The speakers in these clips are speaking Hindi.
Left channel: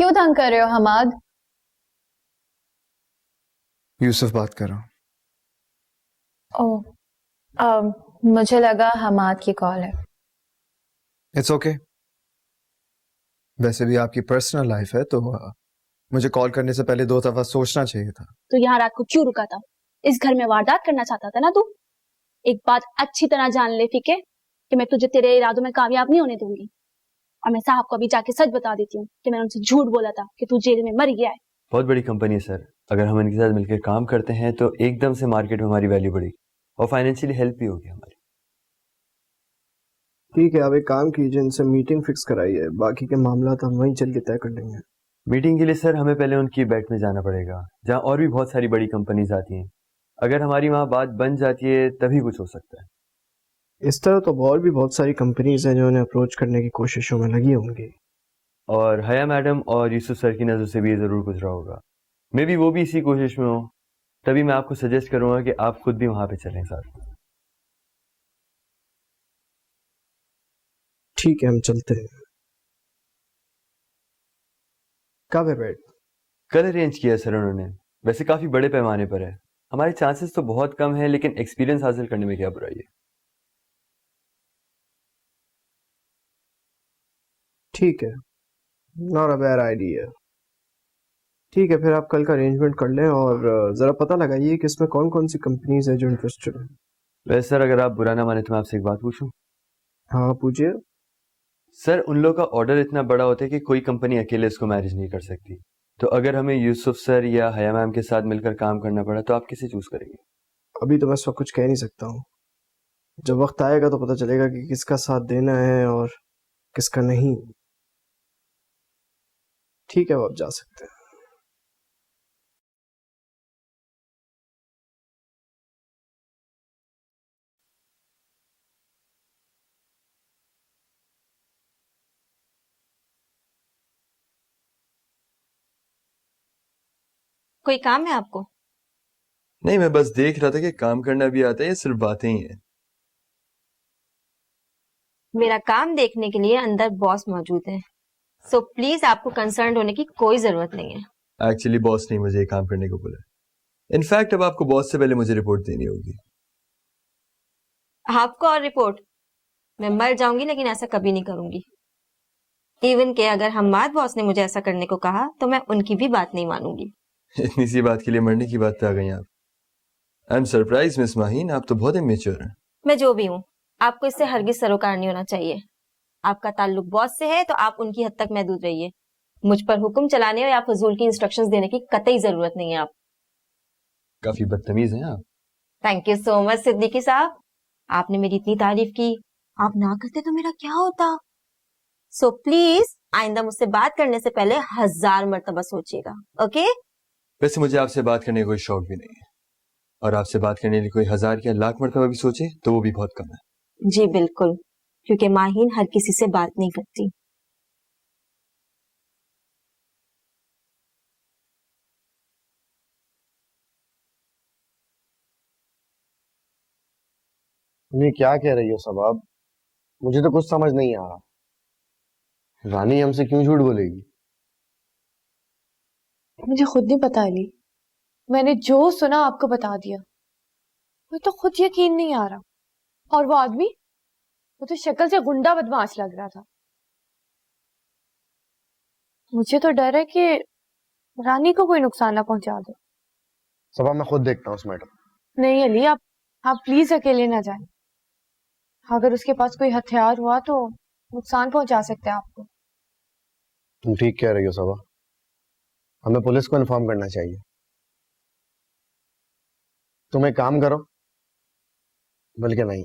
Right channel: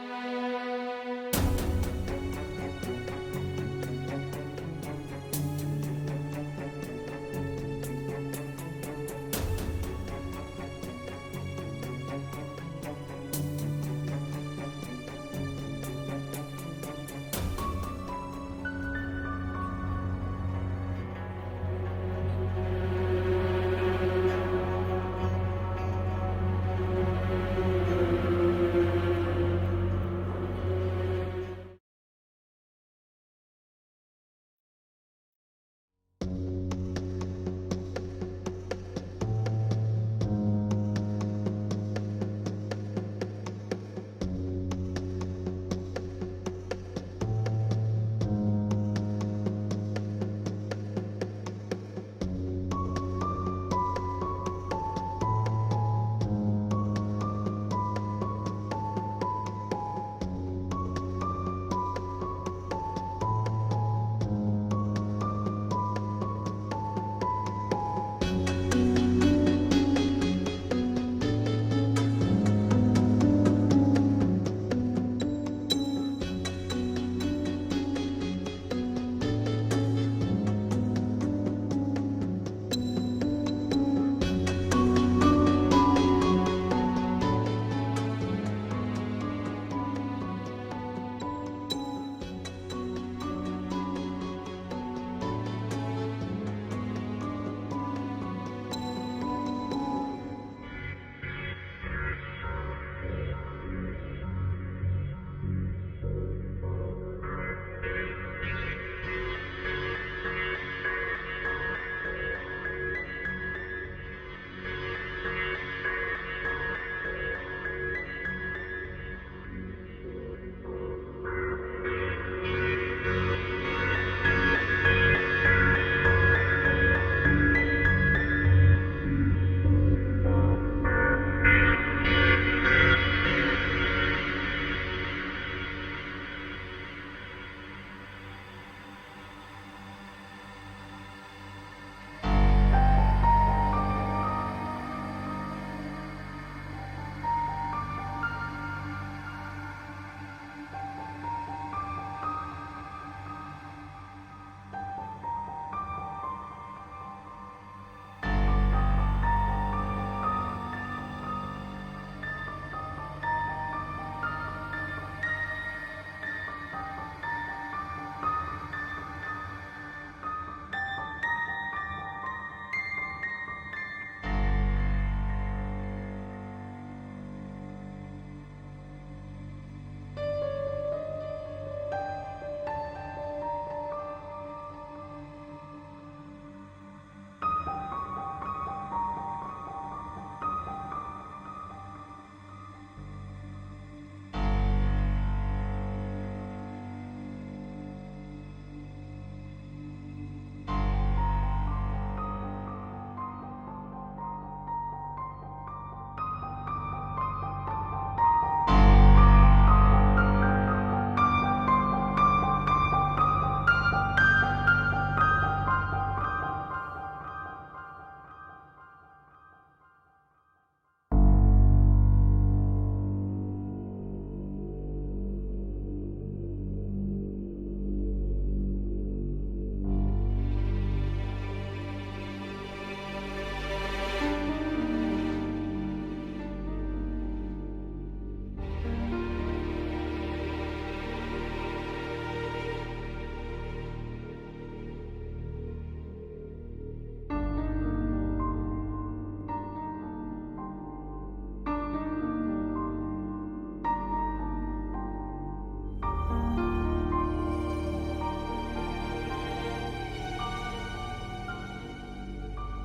क्यों तंग कर रहे हो हमाद? यूसुफ बात कर रहा हूँ। मुझे लगा हमाद की कॉल है। It's okay. वैसे भी आपकी पर्सनल लाइफ है तो मुझे कॉल करने से पहले 2 दफा सोचना चाहिए था। तो यहाँ रात को क्यों रुका था? इस घर में वारदात करना चाहता था ना तू? एक बात अच्छी तरह जान ले, ठीक है, कि मैं तुझे तेरे इरादों में कामयाब नहीं होने दूंगी। और मैं साहब को भी जाके सच बता देती हूँ कि मैंने उनसे झूठ बोला था कि तू जेल में मर गया है। बहुत बड़ी कंपनी है सर, अगर हम इनके साथ मिलकर काम करते हैं तो एकदम से मार्केट में हमारी वैल्यू बढ़ेगी और फाइनेंशियली हेल्प भी होगी। ठीक है, आप एक काम कीजिए, इनसे मीटिंग फिक्स कराइए, बाकी के मामला हम वहीं चल के तय कर लेंगे। मीटिंग के लिए सर हमें पहले उनकी बैठ में जाना पड़ेगा, जहाँ और भी बहुत सारी बड़ी कंपनीज आती हैं। अगर हमारी वहाँ बात बन जाती है तभी कुछ हो सकता है। इस तरह तो और भी बहुत सारी कंपनीज हैं जो उन्हें अप्रोच करने की कोशिशों में लगी होंगी। और हया मैडम और यूसुफ सर की नज़र से भी ये ज़रूर गुजरा होगा। मे बी वो भी इसी कोशिश में हो, तभी मैं आपको सजेस्ट करूँगा कि आप खुद भी वहाँ पे चलें साथ। ठीक है, हम चलते हैं। कब है बैठ? कल अरेंज किया सर उन्होंने, वैसे काफ़ी बड़े पैमाने पर है। हमारे चांसेस तो बहुत कम हैं, लेकिन एक्सपीरियंस हासिल करने में क्या बुराई है। ठीक है, नॉट अ बैड आइडिया। ठीक है, फिर आप कल का अरेंजमेंट कर लें और ज़रा पता लगाइए कि इसमें कौन कौन सी कंपनीज हैं जो इंटरेस्टेड हैं। वैसे सर अगर आप बुरा ना माने तो मैं आपसे एक बात पूछूं? हाँ, पूछिए। सर उन लोगों का ऑर्डर इतना बड़ा होता है कि कोई कंपनी अकेले इसको मैनेज नहीं कर सकती। तो अगर हमें यूसुफ सर या हया मैम के साथ मिलकर काम करना पड़ा तो आप किसे चूज़ करेंगे? अभी तो मैं इस वक्त कुछ कह नहीं सकता हूँ। जब वक्त आएगा तो पता चलेगा कि किसका साथ देना है और किसका नहीं। ठीक है, वो आप जा सकते हैं। कोई काम है आपको? नहीं, मैं बस देख रहा था कि काम करना भी आता है या सिर्फ बातें ही हैं। मेरा काम देखने के लिए अंदर बॉस मौजूद है, सो प्लीज आपको कंसर्न होने की कोई जरूरत नहीं है। एक्चुअली बॉस नहीं मुझे काम करने को बोला। इनफैक्ट अब आपको बॉस से पहले मुझे रिपोर्ट देनी होगी। आपको और रिपोर्ट? मैं मर जाऊंगी लेकिन ऐसा कभी नहीं करूंगी। इवन के अगर हम्माद बॉस ने मुझे ऐसा करने को कहा तो मैं उनकी भी बात नहीं मानूंगी। इतनी सी बात के लिए मरने की बात पे आ गई आप। I am surprise miss Maheen, आप तो बहुत इमेच्योर हैं। मैं जो भी हूँ, आपको इससे हरगिज सरोकार नहीं होना चाहिए। आपका ताल्लुक बॉस से है तो आप उनकी हद तक महदूद रहिए। मुझ पर हुक्म चलाने या फजूल की इंस्ट्रक्शंस देने की कतई जरूरत नहीं है। आप काफी बदतमीज हैं आप। Thank you so much Siddiqui साहब, आपने मेरी इतनी तारीफ की। आप ना करते तो मेरा क्या होता। सो प्लीज आइंदा मुझसे बात करने से पहले 1000 मर्तबा सोचिएगा, ओके? वैसे मुझे आपसे बात करने का कोई शौक भी नहीं है, और आपसे बात करने के लिए कोई 1000 या लाख मर्तबा भी सोचे तो वो भी बहुत कम है। जी बिल्कुल, क्योंकि माहीन हर किसी से बात नहीं करती। ये क्या कह रही हो सबाब? मुझे तो कुछ समझ नहीं आ रहा। रानी हमसे क्यों झूठ बोलेगी? मुझे खुद नहीं पता अली, मैंने जो सुना आपको बता दिया। मुझे तो खुद यकीन नहीं आ रहा। और वो आदमी, वो तो शक्ल से गुंडा बदमाश लग रहा था। मुझे तो डर है कि रानी को कोई नुकसान ना पहुंचा दे। सबाब मैं खुद देखता हूँ उस मैडम। नहीं अली, आप प्लीज अकेले ना जाएं। अगर उसके पास कोई हथियार हुआ तो नुकसान पहुंचा सकते हैं आपको। तुम ठीक कह रही हो सबा, हमें पुलिस को इन्फॉर्म करना चाहिए। तुम एक काम करो, बल्कि नहीं,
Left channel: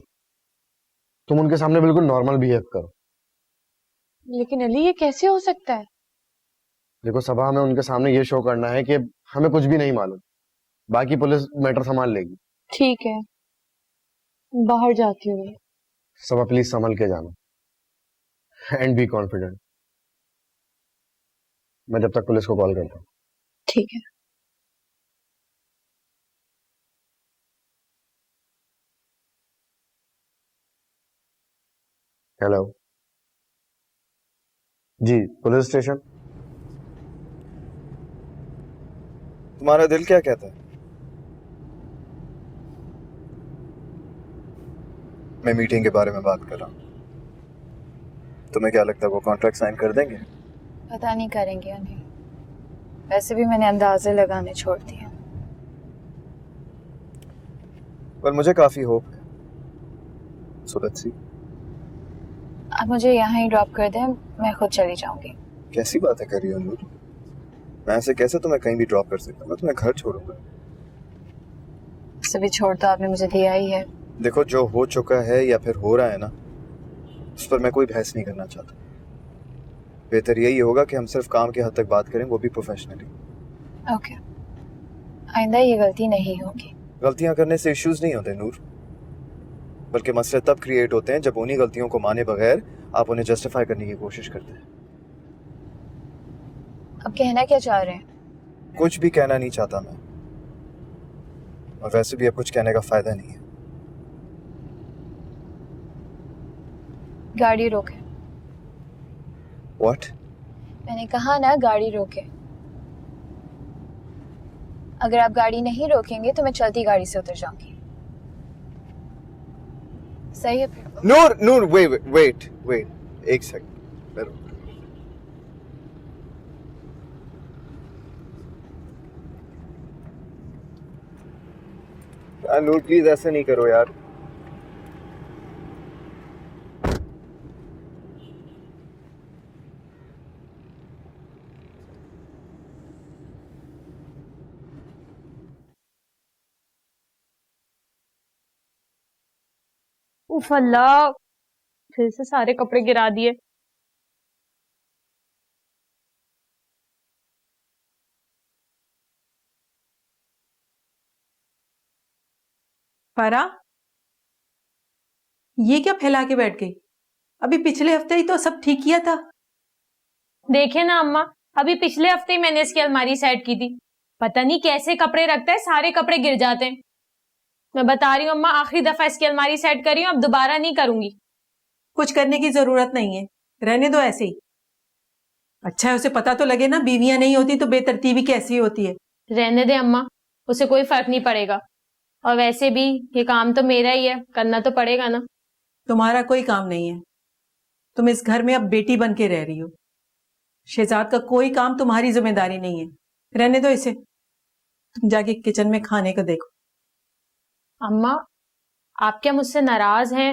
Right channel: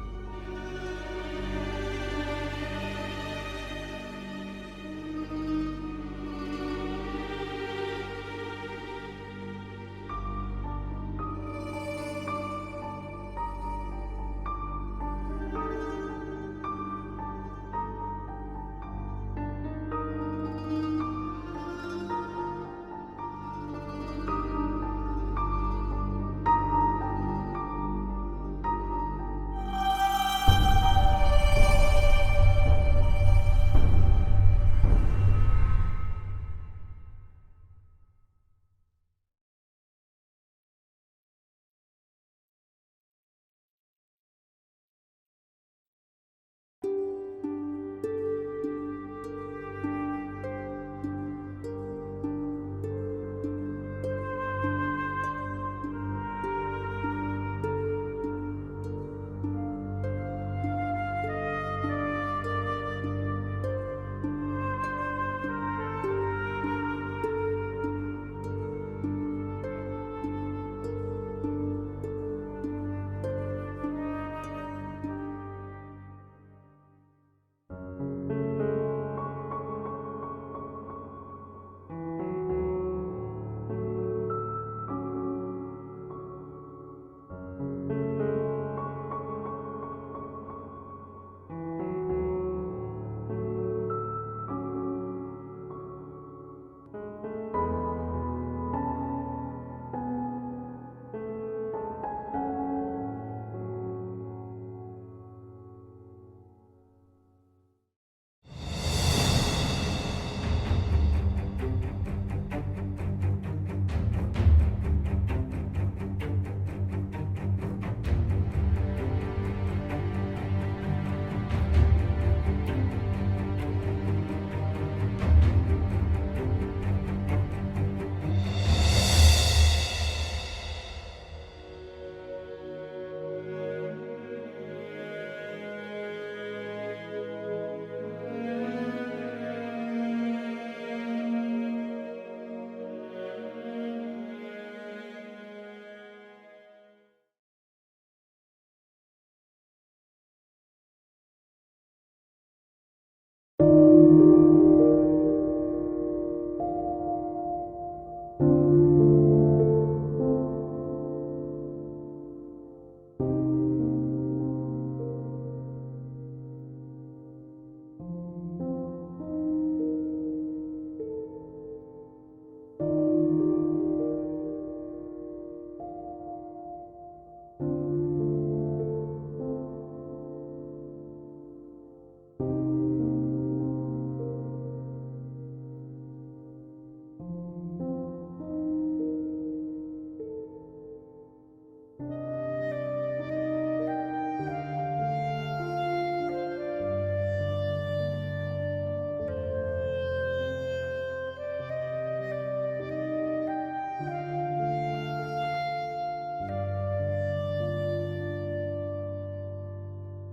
तुम उनके सामने बिल्कुल नॉर्मल बिहेव करो। लेकिन अली ये कैसे हो सकता है? देखो सबा, हमें उनके सामने ये शो करना है कि हमें कुछ भी नहीं मालूम, बाकी पुलिस मैटर संभाल लेगी। ठीक है, बाहर जाती हूँ। सबा प्लीज संभल के जाना एंड बी कॉन्फिडेंट। मैं जब तक पुलिस को कॉल करता हूँ। ठीक है। हेलो जी, पुलिस स्टेशन। तुम्हारा दिल क्या कहता है? मैं मीटिंग के बारे में बात कर रहा हूँ। तुम्हें क्या लगता है वो कॉन्ट्रैक्ट साइन कर देंगे? पता नहीं करेंगे या नहीं। वैसे भी मैंने अंदाजे लगाने छोड़ दिए। पर मुझे काफी होप है। So let's see. आप मुझे यहाँ ही ड्रॉप कर दें, मैं खुद चली जाऊंगी। कैसी बातें कर रही हो नूर? मैं ऐसे कैसे तुम्हें कहीं भी ड्रॉप कर सकता हूँ? मैं तुम्हें घर छोड़ूंगा। सभी छोड़ तो आपने मुझे दिया ही है। देखो, जो हो चुका है या फिर हो रहा है ना, उस पर मैं कोई बहस नहीं करना चाहता। बेहतर यही होगा कि हम सिर्फ काम के हद तक बात करें, वो भी प्रोफेशनली। ओके, आइंदा ये गलती नहीं होगी। गलतियां करने से इश्यूज नहीं होते नूर, बल्कि मसले तब क्रिएट होते हैं जब उन्हीं गलतियों को माने बगैर आप उन्हें जस्टिफाई करने की कोशिश करते हैं। अब कहना क्या चाह रहे हैं? कुछ भी कहना नहीं चाहता मैं, और वैसे भी अब कुछ कहने का फायदा नहीं है। गाड़ी रोके। व्हाट? मैंने कहा ना, गाड़ी रोके। अगर आप गाड़ी नहीं रोकेंगे तो मैं चलती गाड़ी से उतर जाऊंगी। सही है? नूर नूर, वेट एक सेकंड। नूर प्लीज ऐसे नहीं करो यार। उफ अल्लाह, फिर से सारे कपड़े गिरा दिए। पारा, ये क्या फैला के बैठ गई? अभी पिछले हफ्ते ही तो सब ठीक किया था। देखे ना अम्मा, अभी पिछले हफ्ते ही मैंने इसकी अलमारी सेट की थी। पता नहीं कैसे कपड़े रखता है, सारे कपड़े गिर जाते हैं। मैं बता रही हूँ अम्मा, आखिरी दफा इसकी अलमारी सेट करी हूँ, अब दोबारा नहीं करूंगी। कुछ करने की जरूरत नहीं है, रहने दो ऐसे ही। अच्छा है उसे पता तो लगे ना, बीवियां नहीं होती तो बेतरतीबी कैसी होती है। रहने दे अम्मा, उसे कोई फर्क नहीं पड़ेगा। और वैसे भी ये काम तो मेरा ही है, करना तो पड़ेगा ना। तुम्हारा कोई काम नहीं है, तुम इस घर में अब बेटी बन के रह रही हो। शहजाद का कोई काम तुम्हारी जिम्मेदारी नहीं है, रहने दो इसे। तुम जाके किचन में खाने को देखो। अम्मा, आप क्या मुझसे नाराज हैं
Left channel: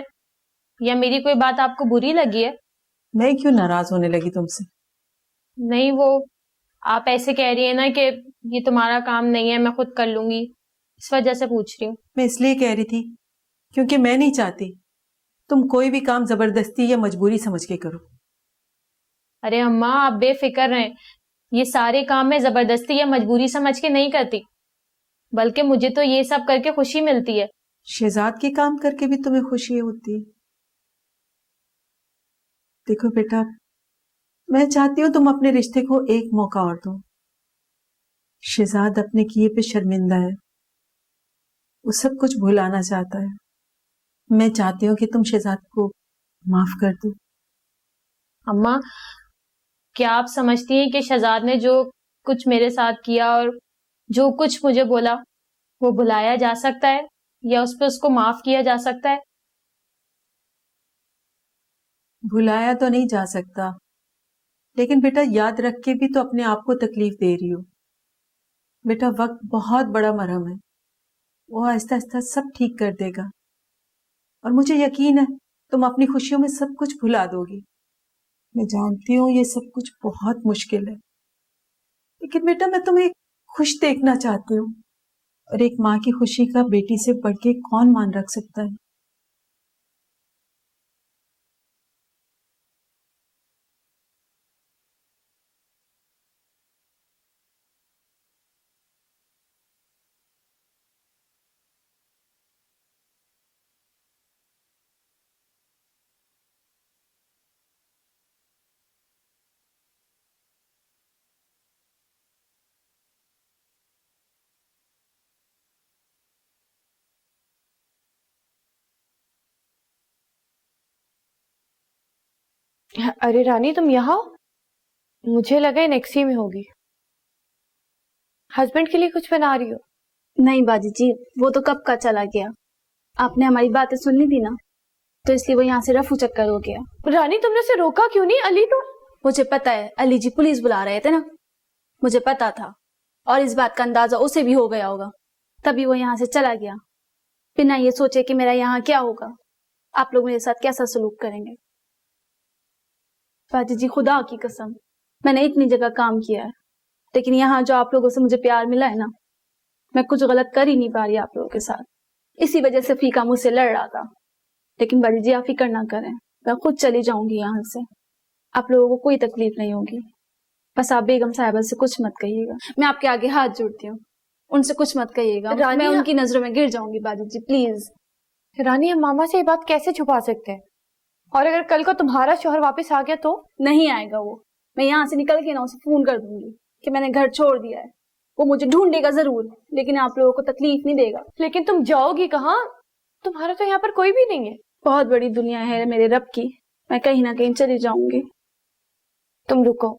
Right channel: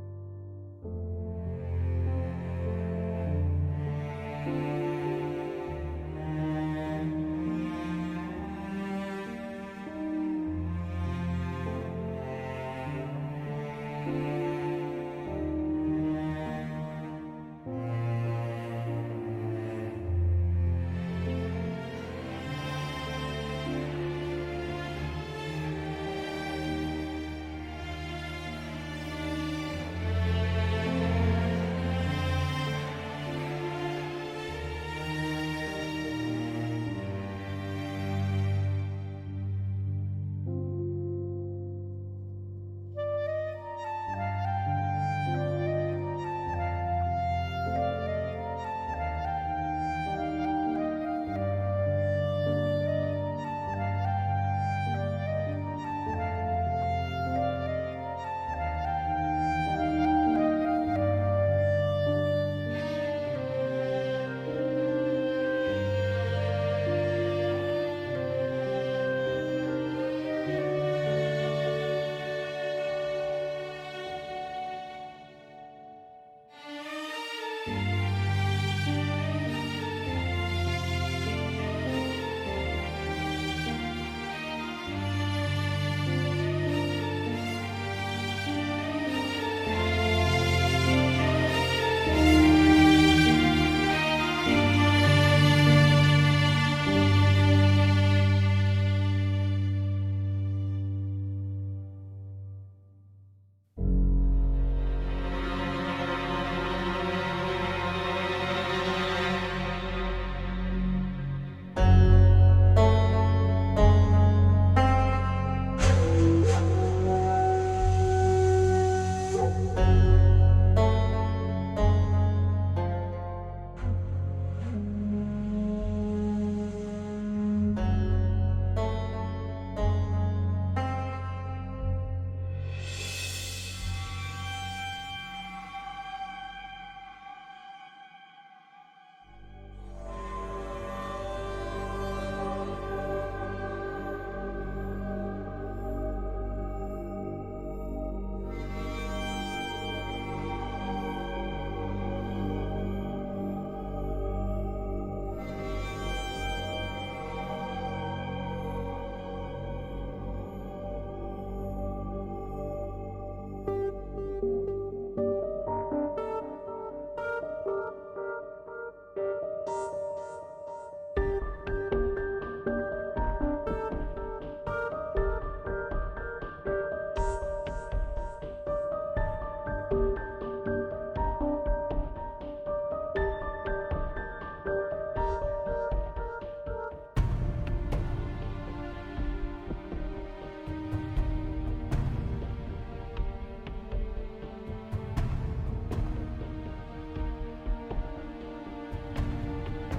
या मेरी कोई बात आपको बुरी लगी है? मैं क्यों नाराज होने लगी तुमसे? नहीं, वो आप ऐसे कह रही है ना कि ये तुम्हारा काम नहीं है, मैं खुद कर लूंगी, इस वजह से पूछ रही हूँ। मैं इसलिए कह रही थी क्योंकि मैं नहीं चाहती तुम कोई भी काम जबरदस्ती या मजबूरी समझ के करो। अरे अम्मा, आप बेफिक्र रहें, ये सारे काम मैं जबरदस्ती या मजबूरी समझ के नहीं करती, बल्कि मुझे तो ये सब करके खुशी मिलती है। शहजाद के काम करके भी तुम्हें खुशी होती है? देखो बेटा, मैं चाहती हूँ तुम अपने रिश्ते को एक मौका और दो। शहजाद अपने किए पे शर्मिंदा है, वो सब कुछ भुलाना चाहता है। मैं चाहती हूँ कि तुम शहजाद को माफ कर दो। अम्मा, क्या आप समझती हैं कि शहजाद ने जो कुछ मेरे साथ किया और जो कुछ मुझे बोला, वो भुलाया जा सकता है या उस पर उसको माफ किया जा सकता है? भुलाया तो नहीं जा सकता, लेकिन बेटा याद रख के भी तो अपने आप को तकलीफ दे रही हो। बेटा वक्त बहुत बड़ा मरहम है, वो आहिस्ता आहिस्ता सब ठीक कर देगा, और मुझे यकीन है तुम अपनी खुशियों में सब कुछ भुला दोगी। मैं जानती हूँ ये सब कुछ बहुत मुश्किल है, लेकिन बेटा मैं तुम्हें खुश देखना चाहती हूँ, और एक माँ की खुशी का बेटी से बढ़ के कौन मान रख सकता है। अरे रानी, तुम यहाँ हो? मुझे लगा नेक्सी में होगी। हस्बैंड के लिए कुछ बना रही हो? नहीं बाजी जी, वो तो कब का चला गया। आपने हमारी बातें सुननी थी ना, तो इसलिए वो यहाँ से रफू चक्कर हो गया। रानी तुमने उसे रोका क्यों नहीं? अली तो मुझे पता है अली जी पुलिस बुला रहे थे ना, मुझे पता था, और इस बात का अंदाजा उसे भी हो गया होगा, तभी वो यहाँ से चला गया बिना ये सोचे कि मेरा यहाँ क्या होगा, आप लोग मेरे साथ कैसा सलूक करेंगे। बाजी जी खुदा की कसम, मैंने इतनी जगह काम किया है, लेकिन यहाँ जो आप लोगों से मुझे प्यार मिला है ना, मैं कुछ गलत कर ही नहीं पा रही आप लोगों के साथ। इसी वजह से फीका मुझसे लड़ रहा था। लेकिन बाजी जी आप फिक्र ना करें, मैं खुद चली जाऊंगी यहाँ से, आप लोगों को कोई तकलीफ नहीं होगी। बस आप बेगम साहिबा से कुछ मत कहिएगा, मैं आपके आगे हाथ जोड़ती हूँ, उनसे कुछ मत कहिएगा, मैं उनकी नजरों में गिर जाऊंगी बाजी जी प्लीज। रानी हम मामा से ये बात कैसे छुपा सकते हैं? और अगर कल को तुम्हारा शौहर वापस आ गया तो? नहीं आएगा वो, मैं यहाँ से निकल के ना उसे फोन कर दूंगी कि मैंने घर छोड़ दिया है। वो मुझे ढूंढेगा जरूर, लेकिन आप लोगों को तकलीफ नहीं देगा। लेकिन तुम जाओगी कहाँ? तुम्हारा तो यहाँ पर कोई भी नहीं है। बहुत बड़ी दुनिया है मेरे रब की, मैं कहीं ना कहीं चली जाऊंगी। तुम रुको,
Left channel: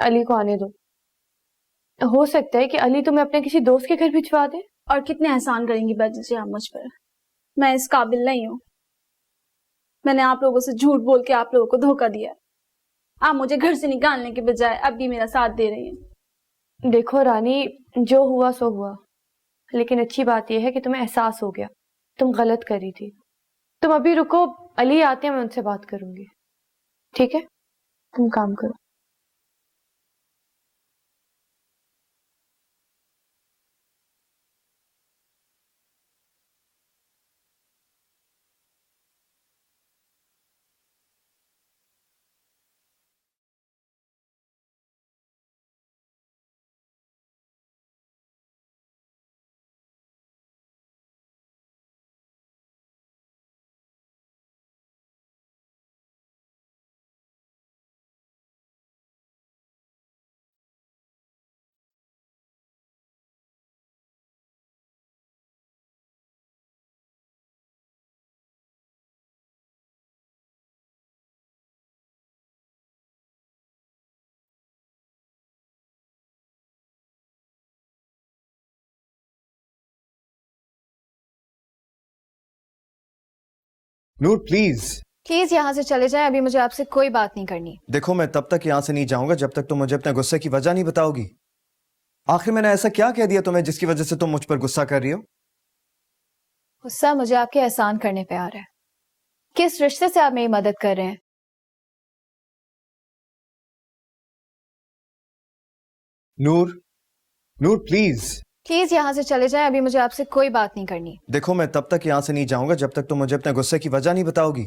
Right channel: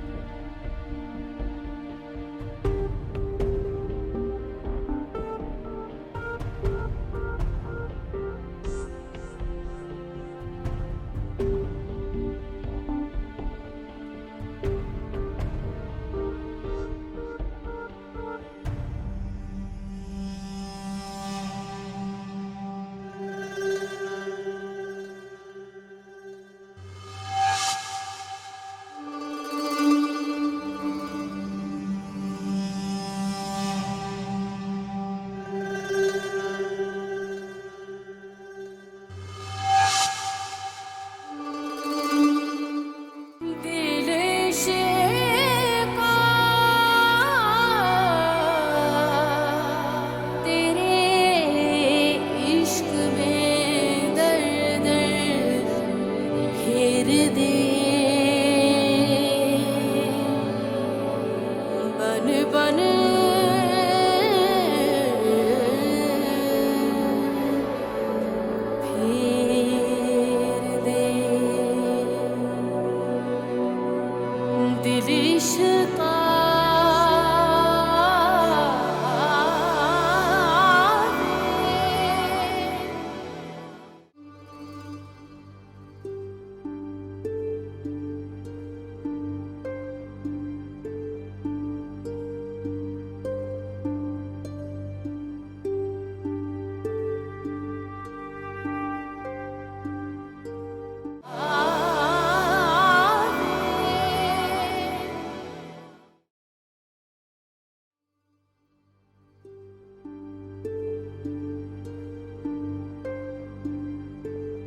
अली को आने दो। हो सकता है कि अली तुम्हें अपने किसी दोस्त के घर भिजवा दे। और कितने एहसान करेंगी बाजी जी आप मुझ पर, मैं इस काबिल नहीं हूँ। मैंने आप लोगों से झूठ बोल के आप लोगों को धोखा दिया, आप मुझे घर से निकालने के बजाय अब भी मेरा साथ दे रही हैं। देखो रानी, जो हुआ सो हुआ, लेकिन अच्छी बात यह है कि तुम्हें एहसास हो गया तुम गलत कर रही थी। तुम अभी रुको, अली आते हैं, मैं उनसे बात करूंगी, ठीक है? तुम काम करो। नूर प्लीज प्लीज यहाँ से चले जाएं, अभी मुझे आपसे कोई बात नहीं करनी। देखो, मैं तब तक यहाँ से नहीं जाऊंगा जब तक तुम मुझे अपने गुस्से की वजह नहीं बताओगी। आखिर मैंने ऐसा क्या कह दिया तुम्हें जिसकी वजह से तुम मुझ पर गुस्सा कर रही हो? गुस्सा मुझे आपके एहसान करने पे आ रहा है। किस रिश्ते से आप मेरी मदद कर रहे हैं? नूर, नूर प्लीज प्लीज यहाँ से चले जाएं, अभी मुझे आपसे कोई बात नहीं करनी। देखो, मैं तब तक यहाँ से नहीं जाऊंगा जब तक तुम मुझे अपने गुस्से की वजह नहीं बताओगी।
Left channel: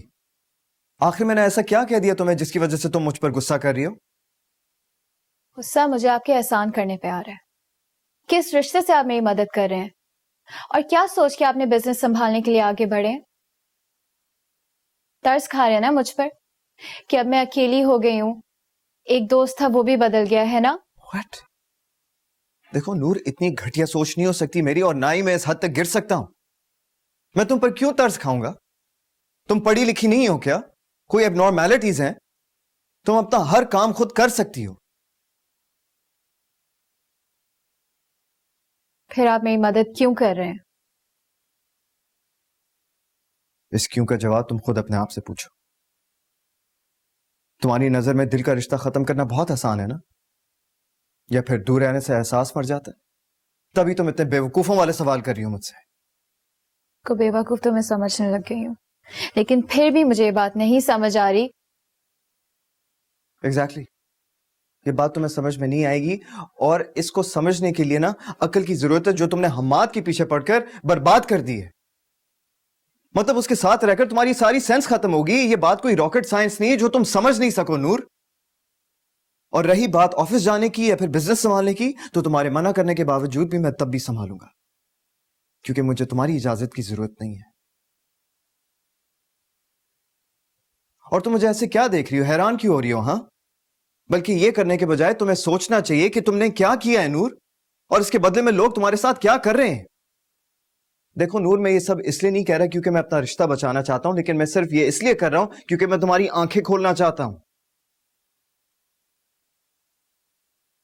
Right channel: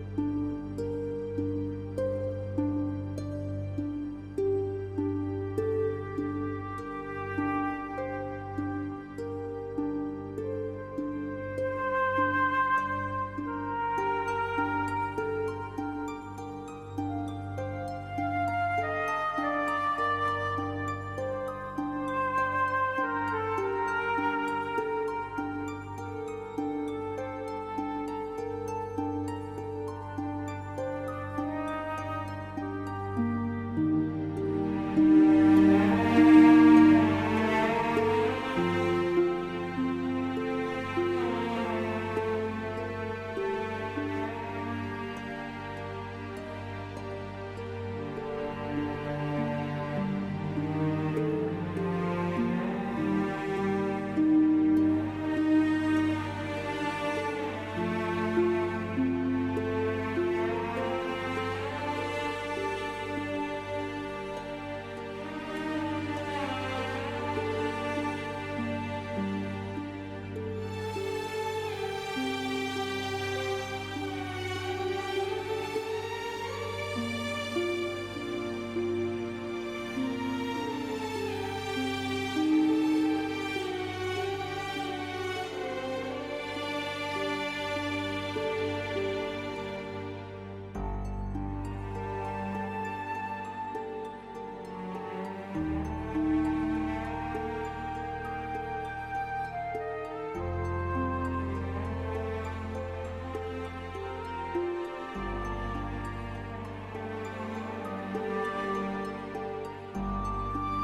आखिर मैंने ऐसा क्या कह दिया तुम्हें जिसकी वजह से तुम मुझ पर गुस्सा कर रही हो? गुस्सा मुझे आपके एहसान करने पे आ रहा है। किस रिश्ते से आप मेरी मदद कर रहे हैं? और क्या सोच के आपने बिजनेस संभालने के लिए आगे बढ़े? तरस खा रहे हैं ना मुझ पर कि अब मैं अकेली हो गई हूँ, एक दोस्त था वो भी बदल गया है ना? What? देखो नूर, इतनी घटिया सोच नहीं हो सकती मेरी, और ना ही मैं इस हद तक गिर सकता हूं। मैं तुम पर क्यों तरस खाऊंगा? तुम पढ़ी लिखी नहीं हो क्या? कोई एबनॉर्मैलिटीज हैं? तुम अपना हर काम खुद कर सकती हो। फिर आप मेरी मदद क्यों कर रहे हैं? इस क्यों का जवाब तुम खुद अपने आप से पूछो। तुम्हारी नजर में दिल का रिश्ता खत्म करना बहुत आसान है ना? या फिर दूर रहने से एहसास मर जाता? तभी तुम इतने बेवकूफों वाले सवाल कर रही हो मुझसे। को बेवकूफ तो मैं समझने लग गई हूँ, लेकिन फिर भी मुझे ये बात नहीं समझ आ रही। एग्जैक्टली, ये बात तुम्हें समझ में नहीं आएगी, और इसको समझने के लिए ना अक्ल की जरूरत है, जो तुमने हम्माद के पीछे पड़कर बर्बाद कर दी है। मतलब उसके साथ रहकर तुम्हारी सारी सेंस खत्म होगी। ये बात कोई रॉकेट साइंस नहीं है जो तुम समझ नहीं सको नूर। और रही बात ऑफिस जाने की या फिर बिजनेस संभालने की, तो तुम्हारे मना करने के बावजूद भी मैं तब भी संभालूंगा, क्योंकि मुझे तुम्हारी इजाजत की जरूरत नहीं है। और तुम मुझे ऐसे क्या देख रही हो, हैरान क्यों हो रही हो? हाँ, बल्कि ये करने के बजाय तुम्हें सोचना चाहिए कि तुमने क्या किया है नूर, और इसके बदले में लोग तुम्हारे साथ क्या कर रहे हैं। देखो नूर, मैं ये सब इसलिए नहीं कह रहा क्योंकि मैं अपना रिश्ता बचाना चाहता हूं, लेकिन मैं सिर्फ ये इसलिए कर रहा हूं क्योंकि मैं तुम्हारी आंखें खोलना चाहता हूं।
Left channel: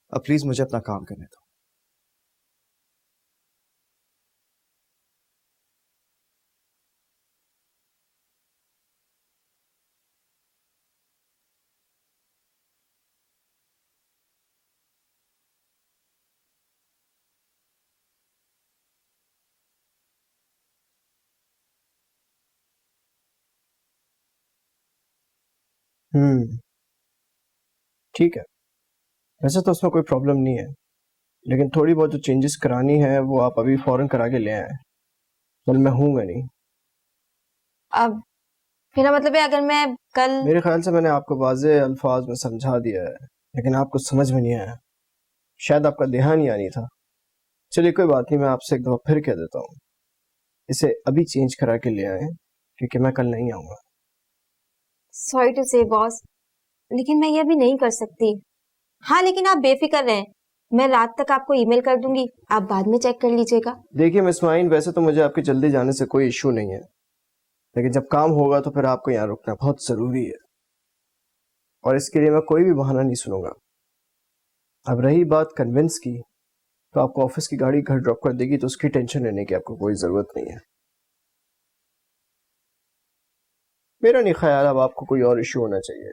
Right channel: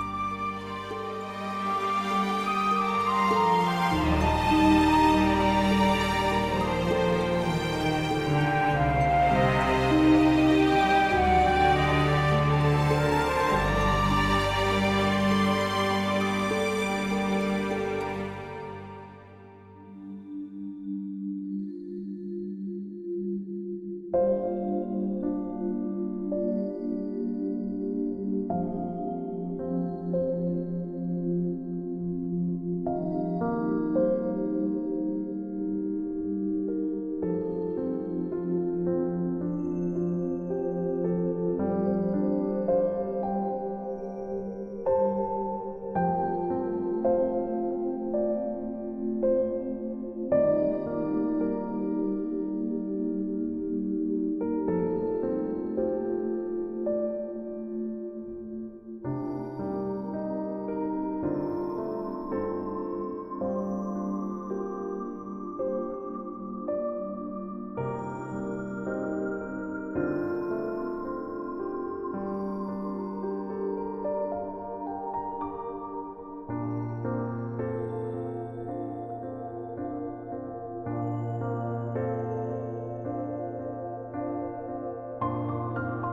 अब प्लीज मुझे अपना काम करना। ठीक है, वैसे तो उसमें कोई प्रॉब्लम नहीं है, लेकिन थोड़ी बहुत जो चेंजेस करानी है वो आप अभी फौरन करा के ले आए। कल मैं हूँगा नहीं। अब मेरा मतलब है अगर मैं कल, मेरे ख्याल से मैंने आपको वाज़ेह अल्फाज में समझा दिया है, लेकिन आपको समझ में नहीं आया, शायद आपका ध्यान ही नहीं था। चलिए कोई बात नहीं, मैं आपसे एक दफ़ा फिर कह देता हूँ, इसे अभी चेंज करा के ले आए, क्योंकि मैं कल नहीं आऊँगा। सॉरी टू से बॉस, लेकिन मैं ये अभी नहीं कर सकती। हाँ लेकिन आप बेफिक्र रहें, मैं रात तक आपको ईमेल कर दूंगी, आप बाद में चेक कर लीजिएगा। देखिए मिस माइन, वैसे तो मुझे आपके जल्दी जाने से कोई इशू नहीं है, लेकिन जब काम होगा तो फिर आपको यहाँ रुकना बहुत ज़रूरी है, और इसके लिए मैं कोई भी बहाना नहीं सुनूंगा। अब रही बात कन्विंस की, तो आपको ऑफिस की गाड़ी घर ड्रॉप कर देगी, तो उसकी टेंशन लेने की आपको कोई ज़रूरत नहीं है। मेरा नहीं ख्याल अब आपको कोई और इशू होना चाहिए।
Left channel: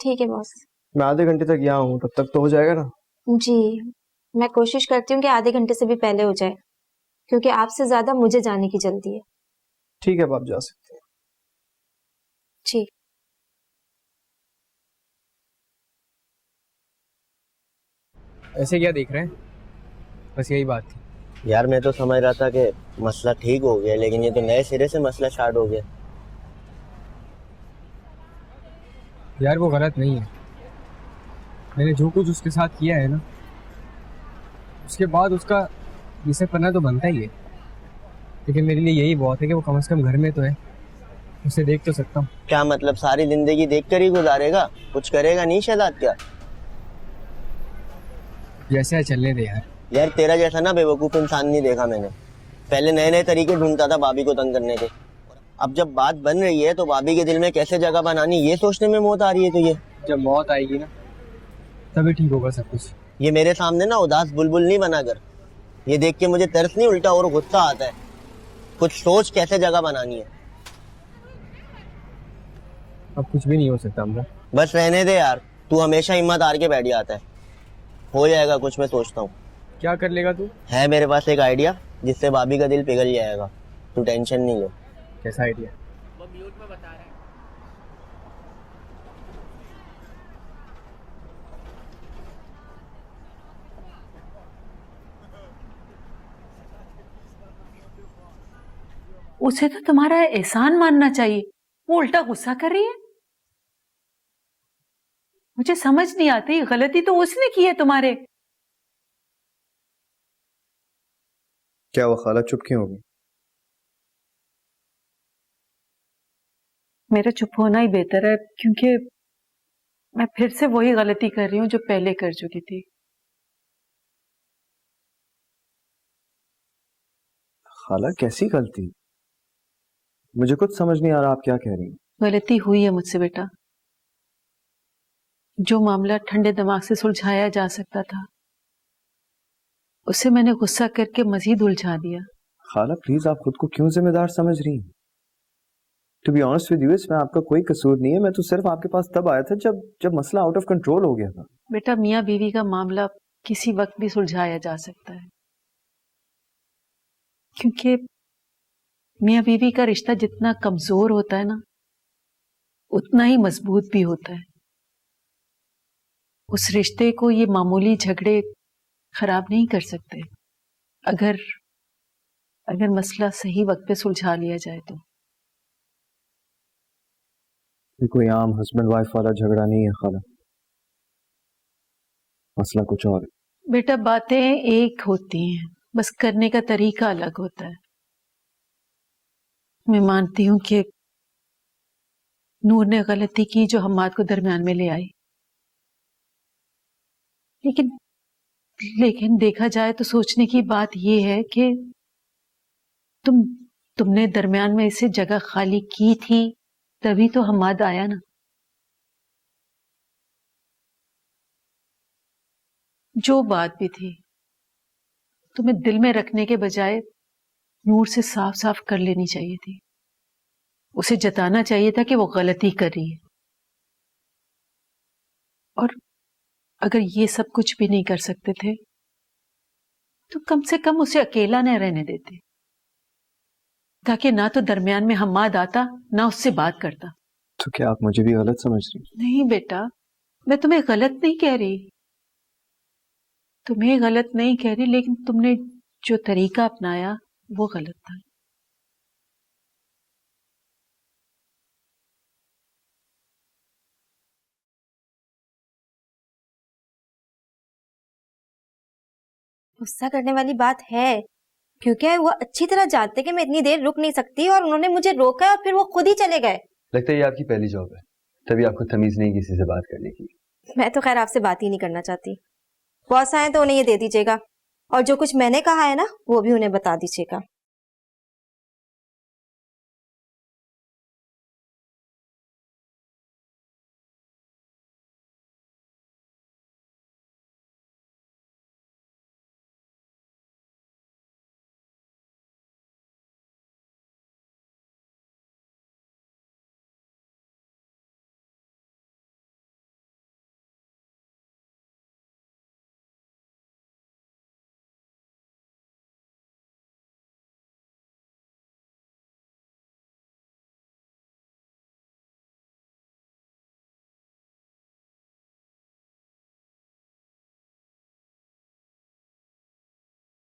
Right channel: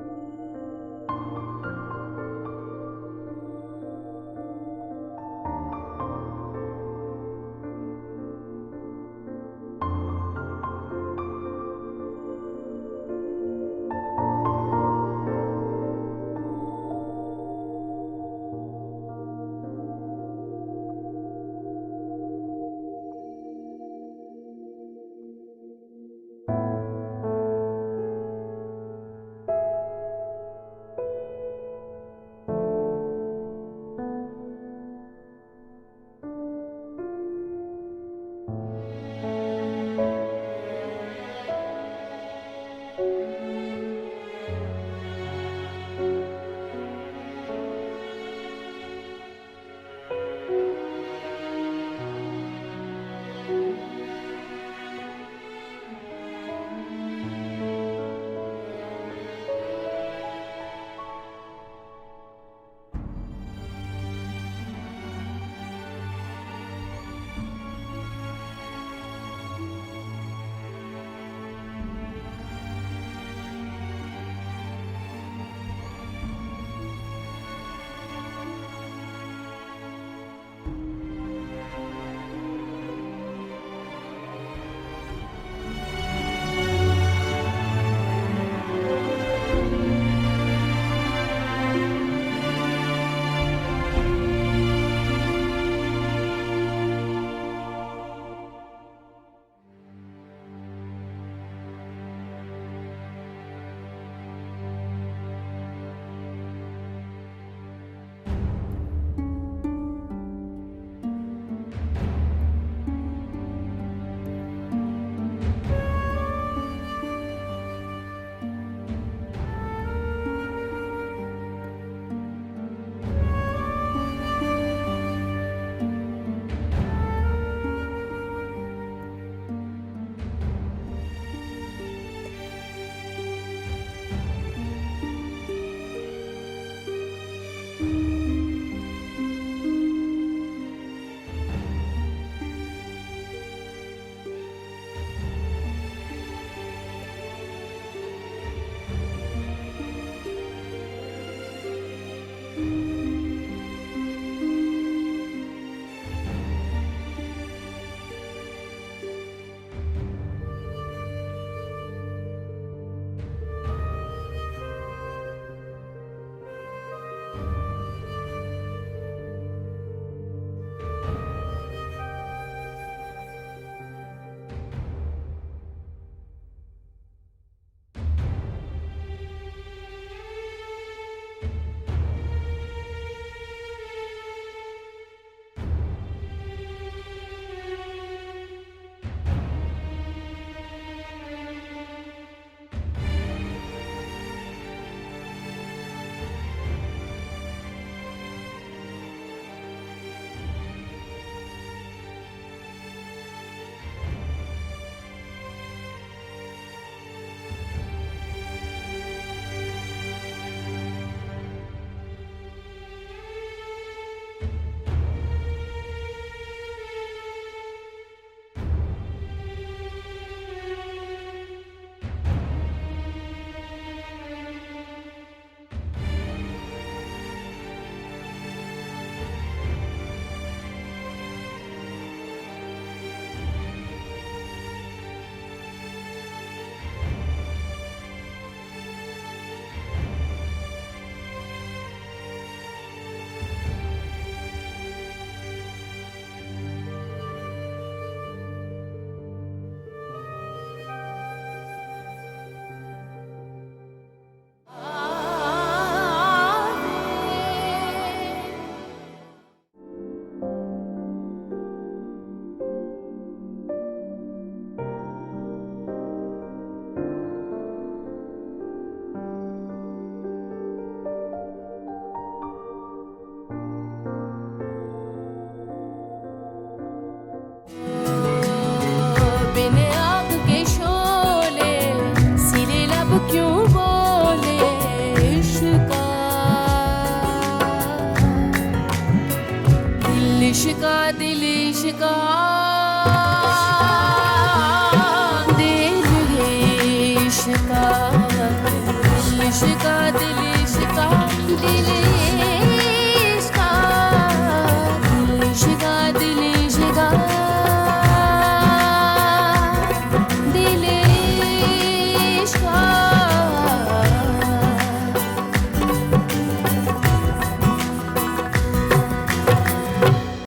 ठीक है बॉस। मैं आधे घंटे तक यहाँ हूँ, तब तक तो हो जाएगा ना? जी, मैं कोशिश करती हूँ कि आधे घंटे से भी पहले हो जाए, क्योंकि आपसे ज्यादा मुझे जाने की जल्दी है। ठीक है, अब आप जा सकते हैं। जी। ऐसे क्या देख रहे हैं? बस यही बात थी। यार मैं तो समझ रहा था कि मसला ठीक हो गया, लेकिन ये तो नए सिरे से मसला स्टार्ट हो गया। यार वो गलत नहीं है, मैंने जो कुछ उसके साथ किया है ना, उसके बाद उसका ये सब करना तो बनता ही है, लेकिन मेरे लिए यही बहुत है कि वो कम से कम घर में तो है, उसे देख तो सकता हूँ। क्या मतलब सारी जिंदगी देखकर ही गुजारेगा, कुछ करेगा नहीं शहजाद क्या? जैसे है चलने दे यार। यार तेरा जैसा ना बेवकूफ इंसान नहीं देखा मैंने। पहले नए नए तरीके ढूंढता था भाभी को तंग करने के, अब जब बात बन रही है तो भाभी के दिल में कैसे जगह बनानी ये सोचने में मौत आ रही है तुझे। जब मौत आएगी ना तभी ठीक होगा सब कुछ। ये मेरे सामने ना उदास बुलबुल नहीं बना कर, ये देख के मुझे तरस नहीं उल्टा और गुस्सा आता है। कुछ सोच कैसे जगह बनानी है। अब कुछ भी नहीं हो सकता हमने। बस रहने दे यार, तू हमेशा हिम्मत हार के बैठ जाता है। हो जाएगा कुछ, मैं सोचता हूँ। क्या कर लेगा तू? है मेरे पास एक आइडिया जिससे भाभी का दिल पिघल जाएगा, तू टेंशन नहीं ले। कैसा आइडिया? उसे तो तुम्हारा एहसान मानना चाहिए, वो उल्टा गुस्सा कर रही है। मुझे समझ नहीं आती, गलती तो उसने की है तुम्हारे। क्या वो खाला चुप क्यों होगी? मेरा चुप होना ही बेहतर है, क्योंकि मैं फिर से वही गलती कर रही हूँ जो पहले कर चुकी थी। खाला कैसी गलती? मुझे कुछ समझ नहीं आ रहा आप क्या कह रही हैं। गलती हुई है मुझसे बेटा। जो मामला ठंडे दिमाग से सुलझाया जा सकता था, उसे मैंने गुस्सा करके मजीद उलझा दिया। खाला प्लीज, आप खुद को क्यों जिम्मेदार समझ रही हैं? To be honest with you, इसमें आपका कोई कसूर नहीं है। मैं तो सिर्फ आपके पास तब आया था जब मसला आउट ऑफ कंट्रोल हो गया था। बेटा, मियाँ बीवी का मामला किसी वक्त भी सुलझाया जा सकता है, क्योंकि मियाँ बीवी का रिश्ता जितना कमजोर होता है ना, उतना ही मजबूत भी होता है। उस रिश्ते को ये मामूली झगड़े खराब नहीं कर सकते, अगर मसला सही वक्त पे सुलझा लिया जाए तो। ये कोई आम हस्बैंड वाइफ वाला झगड़ा नहीं है खाला, मसला कुछ और। बेटा, बातें एक होती हैं, बस करने का तरीका अलग होता है। मैं मानती हूँ कि नूर ने गलती की जो हम्माद को दरमियान में ले आई, लेकिन देखा जाए तो सोचने की बात यह है कि तुमने दरमियान में इसे जगह खाली की थी, तभी तो हम्माद आया ना। जो बात भी थी, तुम्हें दिल में रखने के बजाय नूर से साफ साफ कर लेनी चाहिए थी। उसे जताना चाहिए था कि वो गलती कर रही है, और अगर ये सब कुछ भी नहीं कर सकते थे तो कम से कम उसे अकेला न रहने देते, ताकि ना तो दरमियान में हम्माद आता, ना उससे बात करता। तो क्या आप मुझे भी गलत समझ रहे हैं? नहीं बेटा, मैं तुम्हें गलत नहीं कह रही, तुम्हें गलत नहीं कह रही, लेकिन तुमने जो तरीका अपनाया वो गलत था। गुस्सा करने वाली बात है, क्योंकि वो अच्छी तरह जानते कि मैं इतनी देर रुक नहीं सकती और उन्होंने मुझे रोका और फिर वो खुद ही चले गए। लगता है ये आपकी पहली जॉब है, तभी आपको तमीज नहीं किसी से बात करने की। मैं तो खैर आपसे बात ही नहीं करना चाहती। बॉस आए तो उन्हें ये दे दीजिएगा और जो कुछ मैंने कहा है ना वो भी उन्हें बता दीजिएगा।